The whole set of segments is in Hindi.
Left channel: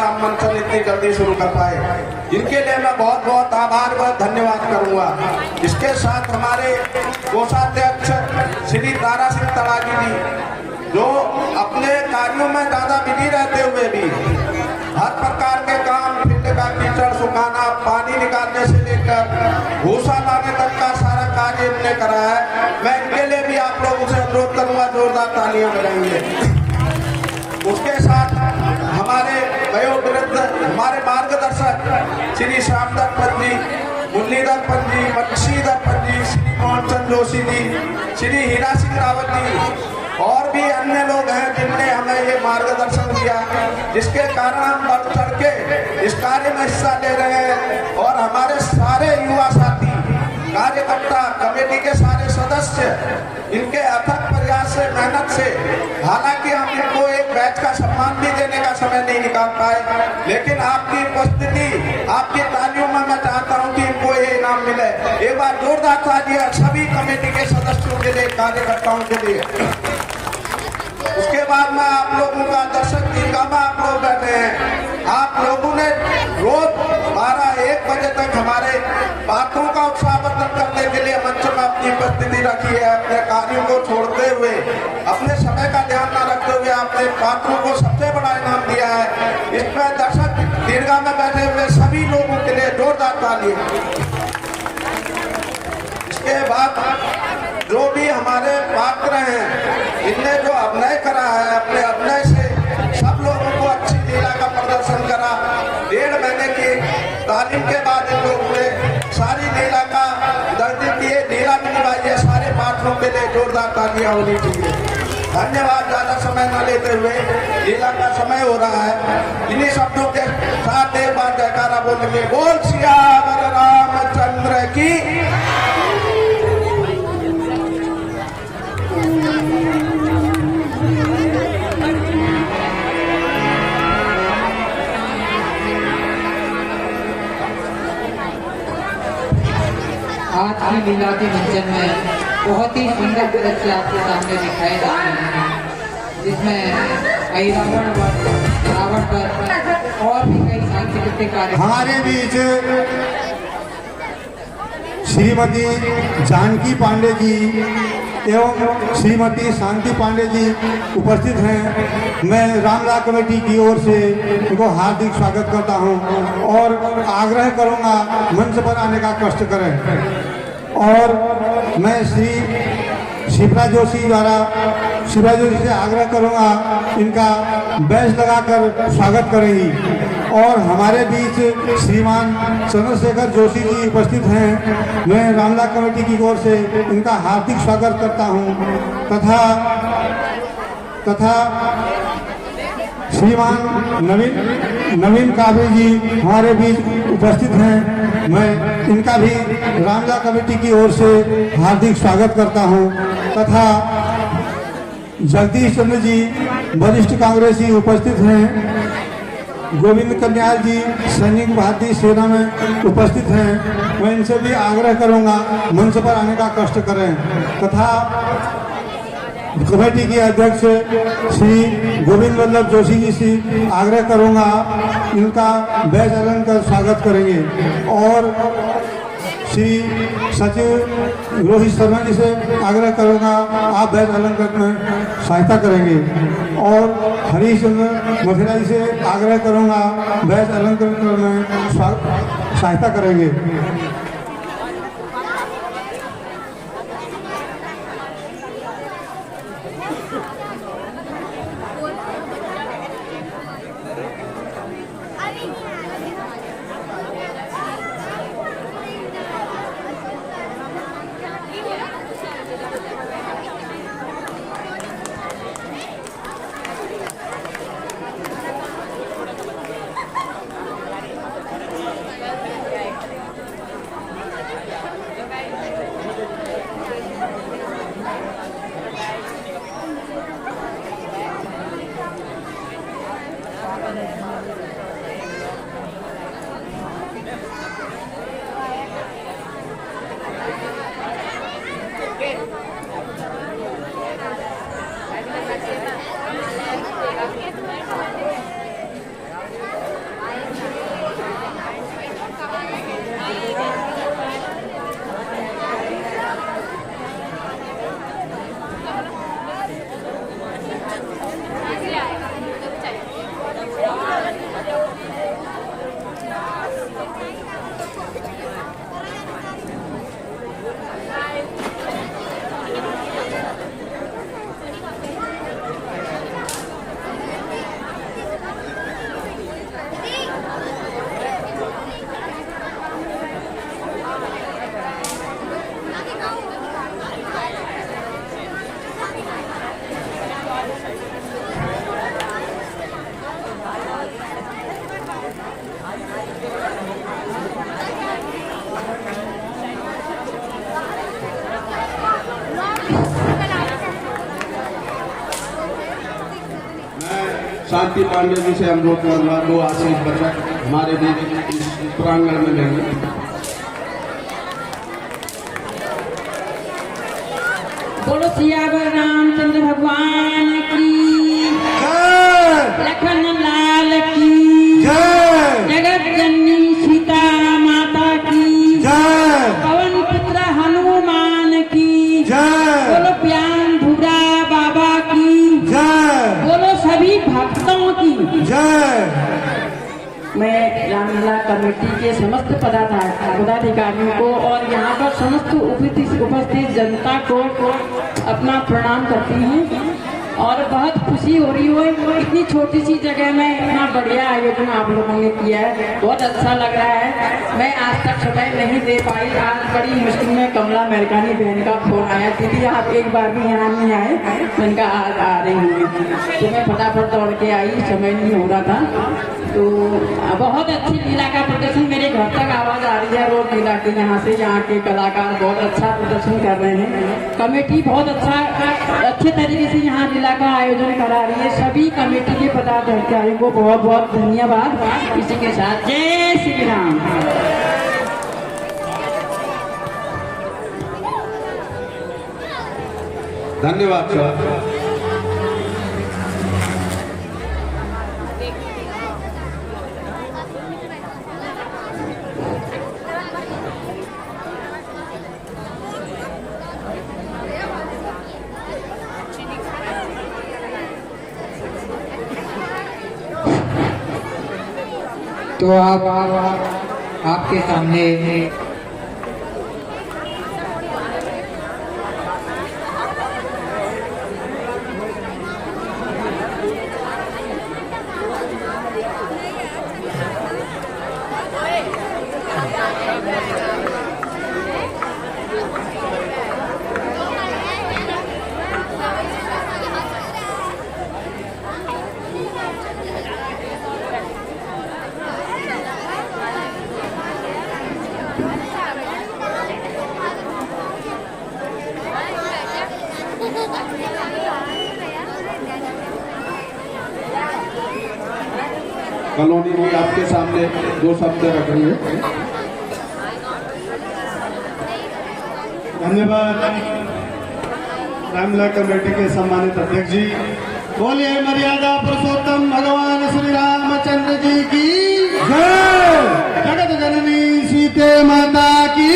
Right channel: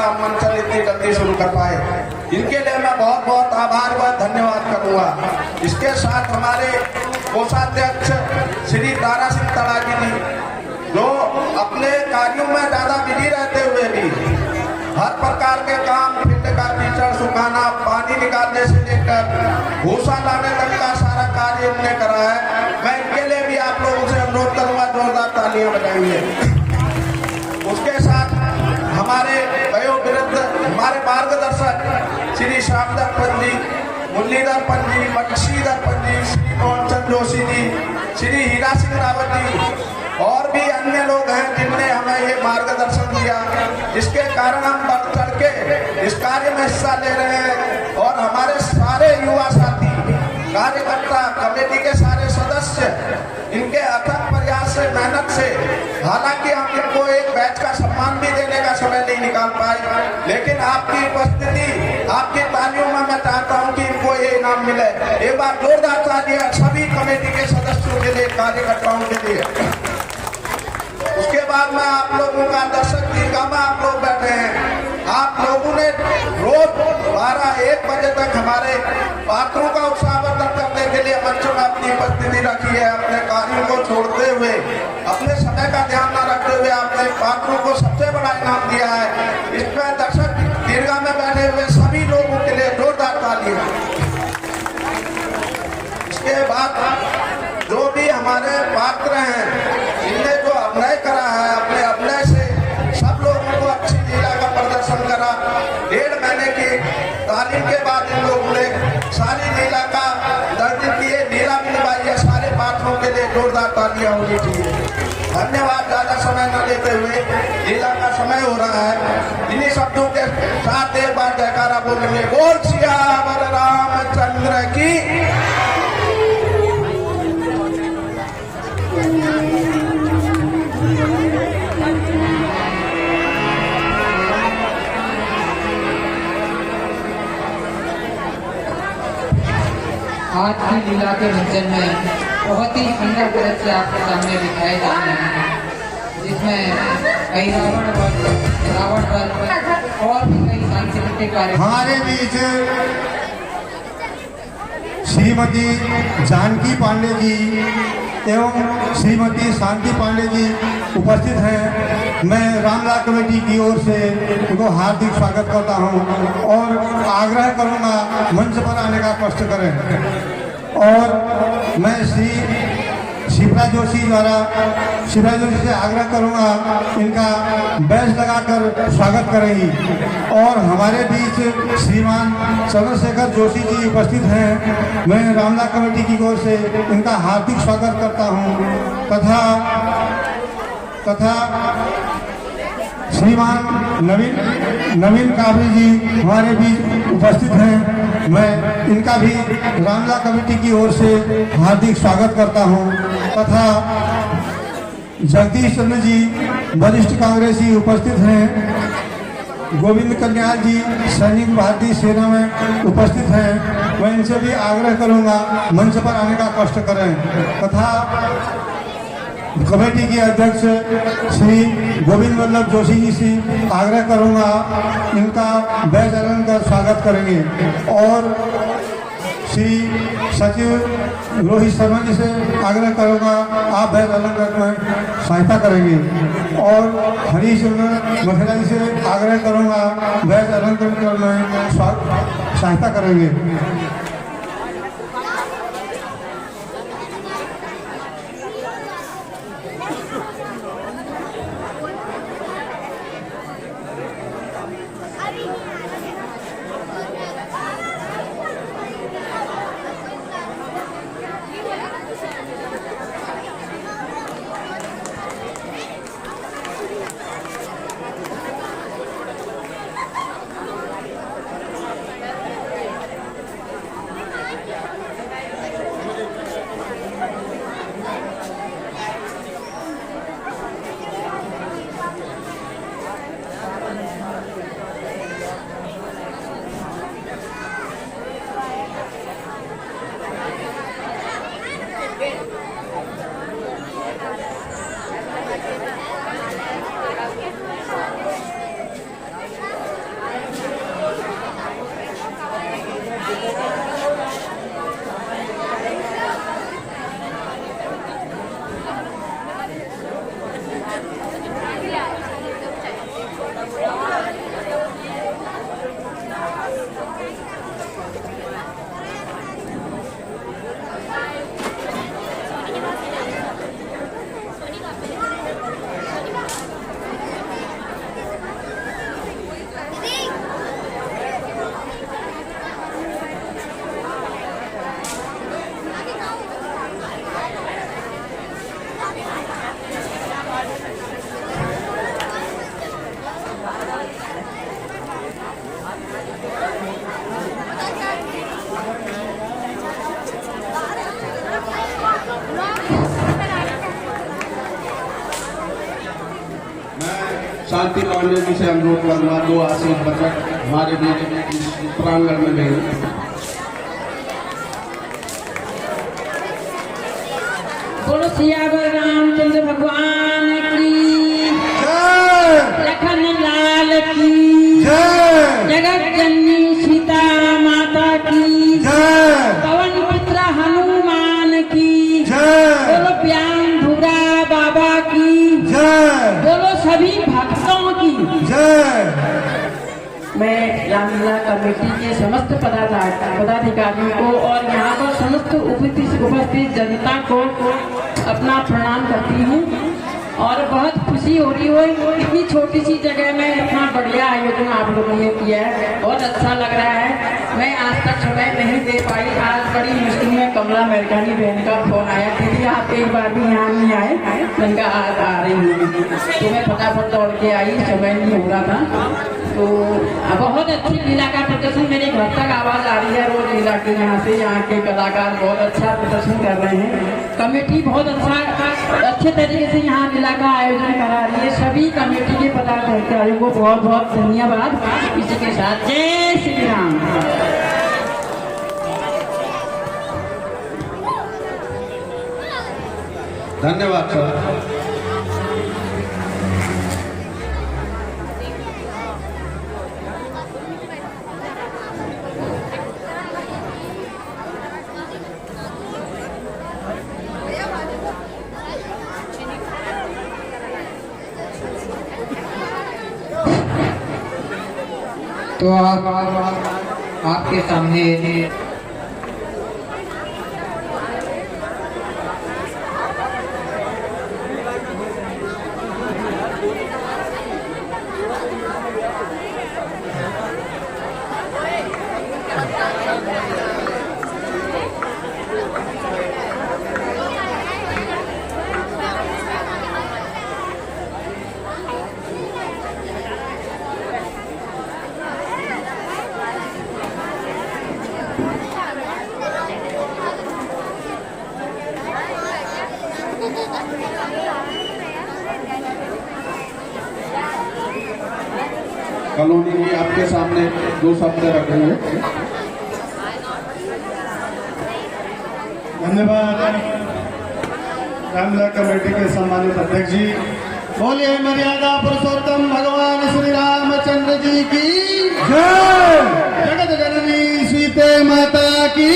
का मंचन इतनी जल्दी शुरू कर पाए। इनके लिए मैं बहुत बहुत आभार व धन्यवाद करूंगा। इसके साथ हमारे कोषाध्यक्ष श्री तारा सिंह तड़ागी जी, जो अपने कार्यों में ज्यादा बिजी रहते हुए भी हर प्रकार के काम, फील्ड का कीचड़ सुखाना, पानी निकालने से लेकर भूसा लाने तक का सारा कार्य इनने करा है। मैं इनके लिए भी आप लोगों से अनुरोध करूंगा, जोरदार तालियां बजाएंगे। उसके साथ हमारे वयोवृद्ध हमारे मार्गदर्शक श्री श्यामधर पंत जी, मुरलीधर पंत जी, बंशीधर पंत जी, श्री मोहन चंद जोशी जी, श्री हीरा सिंह रावत जी और भी अन्य लोग हैं जिनने हमें ये मार्गदर्शन दिया, जिसके कारण हम बढ़ चढ़ के इस कार्य में हिस्सा ले रहे हैं। और हमारे सारे युवा साथी, कार्यकर्ता, कमेटी के सारे सदस्य इनके अथक प्रयास से, मेहनत से, हालांकि हम इनको एक बैच का सम्मान भी देने का समय नहीं निकाल पाए, लेकिन आपकी उपस्थिति, आपकी तालियों में मैं चाहता हूं कि इनको ये इनाम मिले। एक बार जोरदार तालियां सभी कमेटी के सदस्यों के लिए, कार्यकर्ताओं के लिए। उसके बाद में आप लोगों का दर्शक दीर्घा में आप लोग बैठे हैं। आप लोगों ने रोज 12-1 बजे तक हमारे पात्रों का उत्साहवर्धन करने के लिए मंच में अपनी उपस्थिति रखी है। अपने कार्यों को छोड़ते हुए, अपने समय का ध्यान न रखते हुए आपने पात्रों को सबसे बड़ा इनाम दिया है। इसमें दर्शक दीर्घा में बैठे हुए सभी लोगों के लिए जोरदार तालियां। इसके बाद जो भी हमारे पात्र हैं, इनने जो अभिनय करा है, अपने अभिनय से सब लोगों को अच्छी लीला का प्रदर्शन करा। 1.5 महीने की तालीम के बाद इन लोगों ने सारी लीला का 10 दिन की लीला भी निभाई है। सारे पात्रों के लिए जोरदार तालियां होनी चाहिए। धन्यवाद। ज्यादा समय न लेते हुए, लीला का समय हो रहा है। इन्हीं शब्दों के साथ एक बार जयकारा बोलेंगे, बोल सियावर रामचंद्र की। आज की लीला के मंचन में बहुत ही सुंदर दृश्य आपके सामने दिखाए जा रहे हैं, जिसमें कई रावण पर और भी कई सांस्कृतिक कार्यक्रम। हमारे बीच श्रीमती जानकी पांडे जी एवं श्रीमती शांति पांडे जी उपस्थित हैं। मैं रामला कमेटी की ओर से उनको हार्दिक स्वागत करता हूं और आग्रह करूंगा मंच पर आने का कष्ट करें। और मैं श्री शिवराज जोशी से आग्रह करूंगा, इनका बैच लगाकर स्वागत करेंगी। और हमारे बीच श्रीमान चंद्रशेखर जोशी जी उपस्थित हैं। मैं रामला कमेटी की ओर से इनका हार्दिक स्वागत करता हूं। तथा श्रीमान नवीन काबरी जी हमारे बीच उपस्थित हैं। मैं इनका भी रामला कमेटी की ओर से हार्दिक स्वागत करता हूं। तथा जगदीश चंद्र जी वरिष्ठ कांग्रेसी उपस्थित हैं। गोविंद कन्याल जी सैनिक भारतीय सेना में उपस्थित हैं। मैं इनसे भी आग्रह करूंगा मंच पर आने का कष्ट करें। तथा कमेटी के अध्यक्ष श्री गोविंद वल्लभ जोशी जी से आग्रह करूंगा, इनका बैच अलंकार कर स्वागत करेंगे। और श्री सचिव रोहित शर्मा जी से आग्रह करूंगा, आप बैच अलंकार में सहायता करेंगे। और हरीश मथुरा जी से आग्रह करूंगा, बैच अलंकार में सहायता करेंगे। शांति पांडे जी से अनुरोध करूंगा 2 आशीष बचक हमारे बीच इस प्रांगण में देंगे। बोलो सियावर रामचंद्र भगवान की लखन लाल की जगत जननी सीता माता की पवन पुत्र हनुमान की बोलो प्याम भूरा बाबा की बोलो सभी भक्तों की। मैं रामलीला कमेटी के समस्त पदाधिकारियों को और यहाँ पर समस्त उपस्थित जनता को अपना प्रणाम करती हूँ और बहुत खुशी हो रही हो। इतनी छोटी सी जगह में इतना बढ़िया आयोजन आप लोगों ने किया है, बहुत अच्छा लग रहा है। मैं आज तक समय नहीं दे पाई, आज बड़ी मुश्किल में कमला मेरकानी बहन का फोन आया, दीदी आप एक बार भी यहाँ नहीं आए, मैंने कहा आज आ रही हूँ, तो मैं फटाफट दौड़ के आई, समय नहीं हो रहा था। तो बहुत अच्छी लीला का प्रदर्शन मेरे घर तक आवाज आ रही है रोज लीला की, यहाँ से यहाँ के कलाकार बहुत अच्छा प्रदर्शन कर रहे हैं। कमेटी बहुत अच्छे तरीके से यहाँ लीला का आयोजन करा रही है। सभी कमेटी के पदाधिकारियों को बहुत बहुत धन्यवाद। इसी के साथ जय श्री राम। धन्यवाद सर। तो अब आपके सामने कॉलोनी जी आपके सामने 2 शब्द रखेंगे। धन्यवाद रामलीला कमेटी के सम्मानित अध्यक्ष जी। बोलिए मर्यादा पुरुषोत्तम भगवान श्री रामचंद्र जी की जय। जगत जननी सीते माता की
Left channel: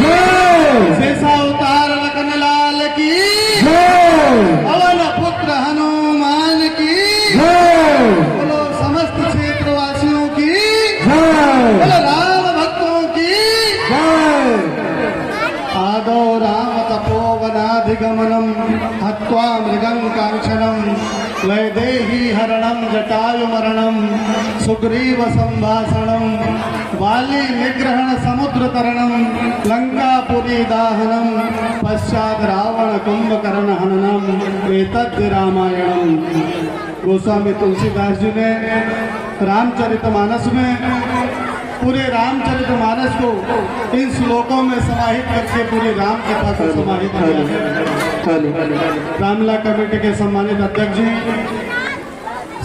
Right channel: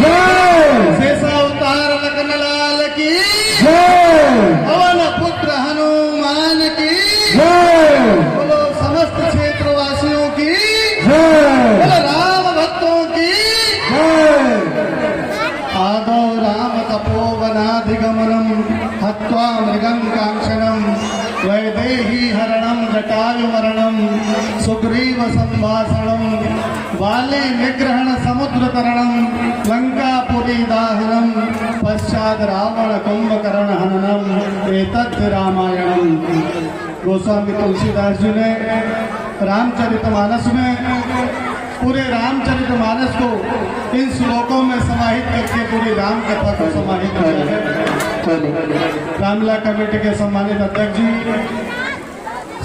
जय। शेषावतार लखन लाल की जय। पवन पुत्र हनुमान की जय। बोलो समस्त क्षेत्रवासियों की जय। बोलो राम भक्तों की जय। आदौ राम तपोवनाधिगमनम् हत्वा मृगं कांक्षणम् वैदेही हरणं जटायुमरणं सुग्रीव संभाषणं वाली निग्रहण समुद्र तरणं लंकापुरी दाहनं पश्चात रावण कुंभकर्ण हननम् एतद् रामायणम्। गोस्वामी तुलसीदास जी ने रामचरितमानस में पूरे रामचरितमानस को इन श्लोकों में समाहित करके पूरी राम कथा को समाहित किया है। रामलीला कमेटी के सम्मानित अध्यक्ष जी,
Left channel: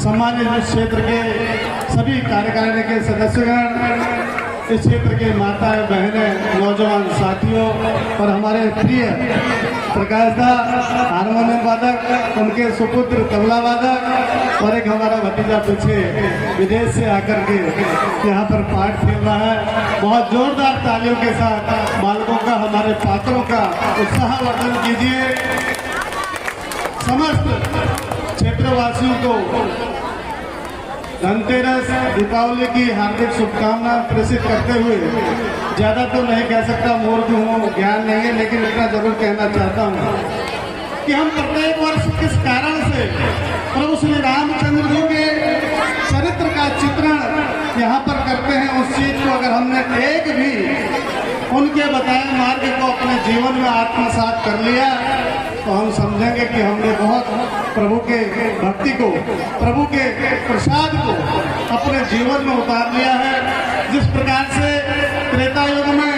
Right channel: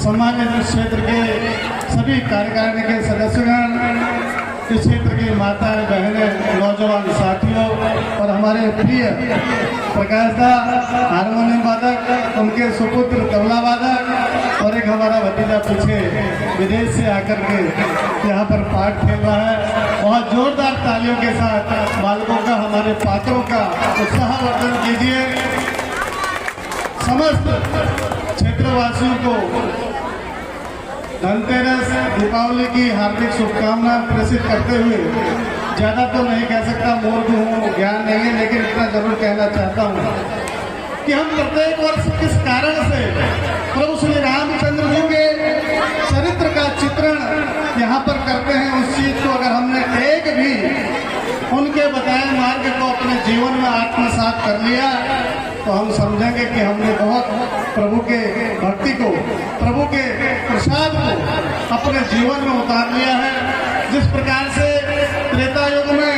सम्मानित क्षेत्र के सभी कार्यकारिणी के सदस्यगण, इस क्षेत्र के माता बहनें, नौजवान साथियों और हमारे प्रिय प्रकाश दा हारमोनियम वादक, उनके सुपुत्र तबला वादक और एक हमारा भतीजा पीछे विदेश से आकर के यहाँ पर पाठ खेल रहा है। बहुत जोरदार तालियों के साथ बालकों का, हमारे पात्रों का उत्साहवर्धन कीजिए। समस्त क्षेत्रवासियों को धनतेरस, दीपावली की हार्दिक शुभकामना प्रेषित करते हुए ज्यादा तो नहीं कह सकता, मूर्ख हूँ, ज्ञान नहीं है, लेकिन इतना जरूर कहना चाहता हूँ कि हम प्रत्येक वर्ष किस कारण से प्रभु श्री रामचंद्र जी के चरित्र का चित्रण यहाँ पर करते हैं, उस चीज को अगर हमने एक भी उनके बताए मार्ग को अपने जीवन में आत्मसात कर लिया तो हम समझेंगे कि हमने बहुत प्रभु के भक्ति को, प्रभु के प्रसाद को अपने जीवन में उतार लिया है। जिस प्रकार से त्रेता युग में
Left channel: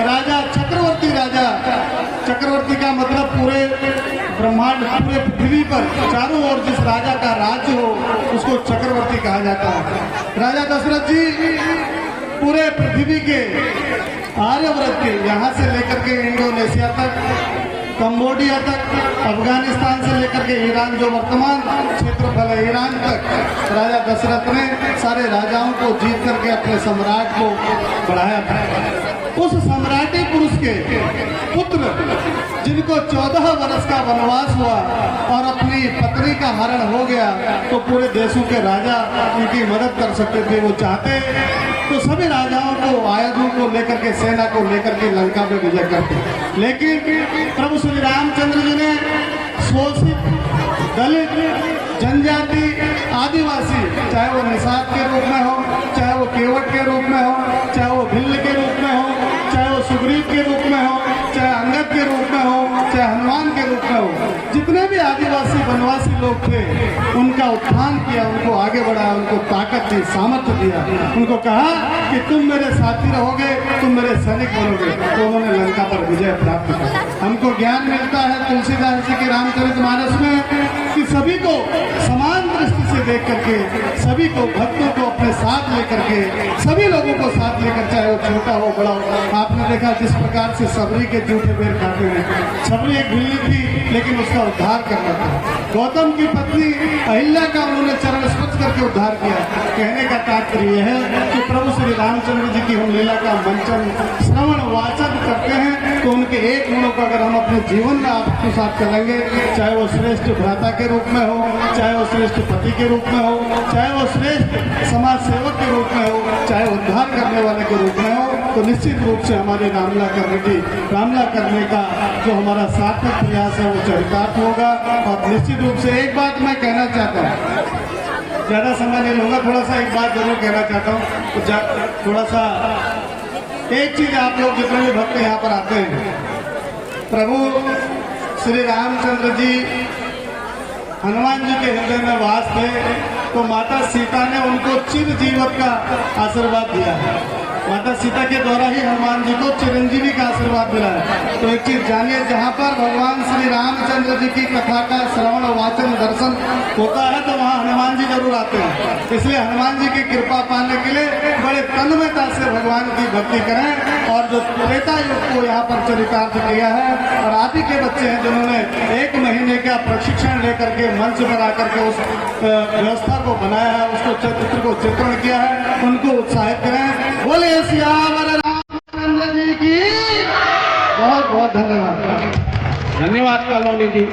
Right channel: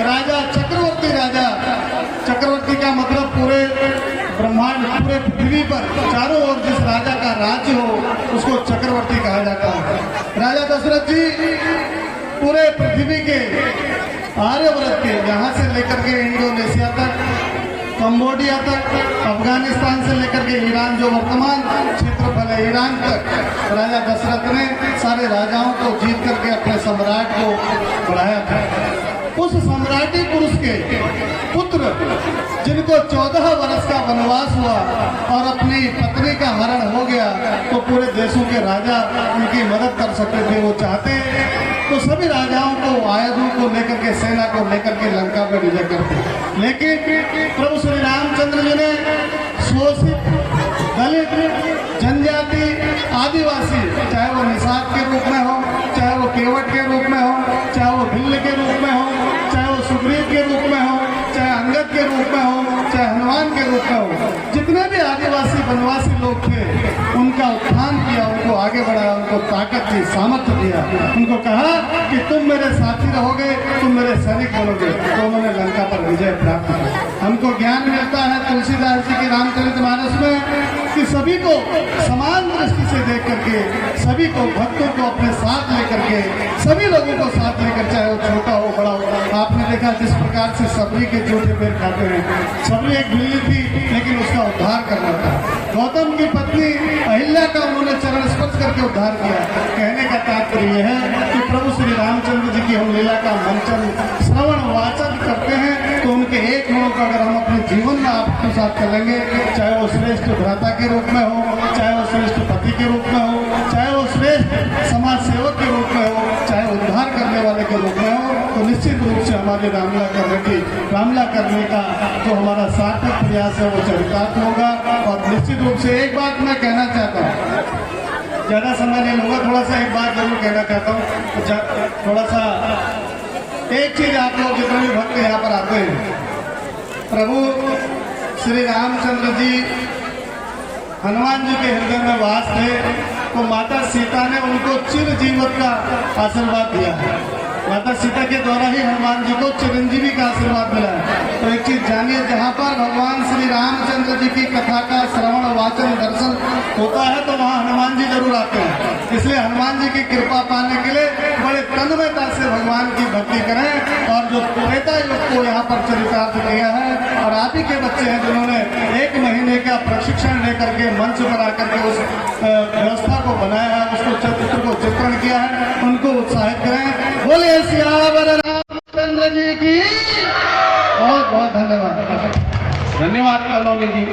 राजा चक्रवर्ती राजा चक्रवर्ती का मतलब पूरे ब्रह्मांड, पूरे पृथ्वी पर चारों ओर जिस राजा का राज्य हो उसको चक्रवर्ती कहा जाता है। राजा दशरथ जी पूरे पृथ्वी के आर्यव्रत के, यहाँ से लेकर के इंडोनेशिया तक, कंबोडिया तक, अफगानिस्तान से लेकर के ईरान, जो वर्तमान क्षेत्रफल है ईरान तक, राजा दशरथ ने सारे राजाओं को जीत करके अपने सम्राट को बढ़ाया था। उस सम्राटी पुरुष के पुत्र जिनको 14 वर्ष का वनवास हुआ और अपनी पत्नी का हरण हो गया, तो पूरे देशों के राजा उनकी मदद कर सकते थे। वो चाहते तो सभी राजाओं को, आयुधों को लेकर के, सेना को लेकर के लंका में विजय करते, लेकिन प्रभु श्री रामचंद्र जी ने शोषित, दलित, जनजाति, आदिवासी, चाहे वो निषाद के रूप में हो, चाहे वो केवट के रूप में हो, चाहे वो भिल्ल के रूप में हो, चाहे वो सुग्रीव के रूप में हो, चाहे अंगद के रूप में हो, चाहे हनुमान के रूप में हो, जितने भी आदिवासी वनवासी लोग थे उनका उत्थान किया, उनको आगे बढ़ाया, उनको ताकत दी, सामर्थ्य दिया, उनको कहा कि तुम मेरे साथी रहोगे, तुम मेरे सैनिक बनोगे, तो उन्होंने लंका पर विजय प्राप्त की। हमको ज्ञान मिलता है तुलसीदास जी के रामचरितमानस में कि सभी को समान दृष्टि से देख करके, सभी को, भक्तों को अपने साथ लेकर के, सभी लोगों को साथ लेकर, चाहे वो छोटा हो बड़ा हो। आपने देखा जिस प्रकार से सबरी के जूठे बेर खाते हैं, सबरी एक बिल्ली थी लेकिन उसका उद्धार करना था। गौतम की पत्नी अहिल्या का उन्होंने चरण स्पर्श करके उद्धार किया। कहने का तात्पर्य यह है कि प्रभु श्री रामचंद्र जी की हम लीला का मंचन, श्रवण, वाचन करते हैं, तो उनके एक गुणों का अगर हम अपने जीवन में आपके साथ चलेंगे, चाहे वो श्रेष्ठ भ्राता के रूप में हो, चाहे वो श्रेष्ठ पति के रूप में हो, चाहे वो श्रेष्ठ समाज सेवक के रूप में हो, चाहे उद्धार करने वाले के रूप में हो, तो निश्चित रूप से हमारी रामला करने का जो हमारा सार्थक प्रयास है वो चरितार्थ होगा। और निश्चित रूप से एक बात मैं कहना चाहता हूँ, ज्यादा समय नहीं लूंगा, थोड़ा सा एक बात जरूर कहना चाहता हूँ, तो थोड़ा सा एक चीज, आप लोग जितने भी भक्त यहाँ पर आते हैं, प्रभु श्री रामचंद्र जी हनुमान जी के हृदय में वास थे, तो माता सीता ने उनको चिर जीवन का आशीर्वाद दिया है। माता सीता के द्वारा ही हनुमान जी को चिरंजीवी का आशीर्वाद मिला है। तो एक चीज जानिए, जहाँ पर भगवान श्री रामचंद्र जी की कथा का श्रवण, वाचन, दर्शन होता है, तो वहाँ हनुमान जी जरूर आते हैं। इसलिए हनुमान जी की कृपा पाने के लिए बड़े तन्मयता से भगवान की भक्ति करें। और जो त्रेता युग को यहाँ पर चरितार्थ किया है, और आप ही के बच्चे हैं जिन्होंने 1 महीने का प्रशिक्षण लेकर के मंच बना करके उस व्यवस्था को बनाया है, उसको चित्र को चित्रण किया है, उनको उत्साहित करें। बोले सियावर रामचंद्र जी की बहुत बहुत धन्यवाद। धन्यवाद कॉलोनी जी।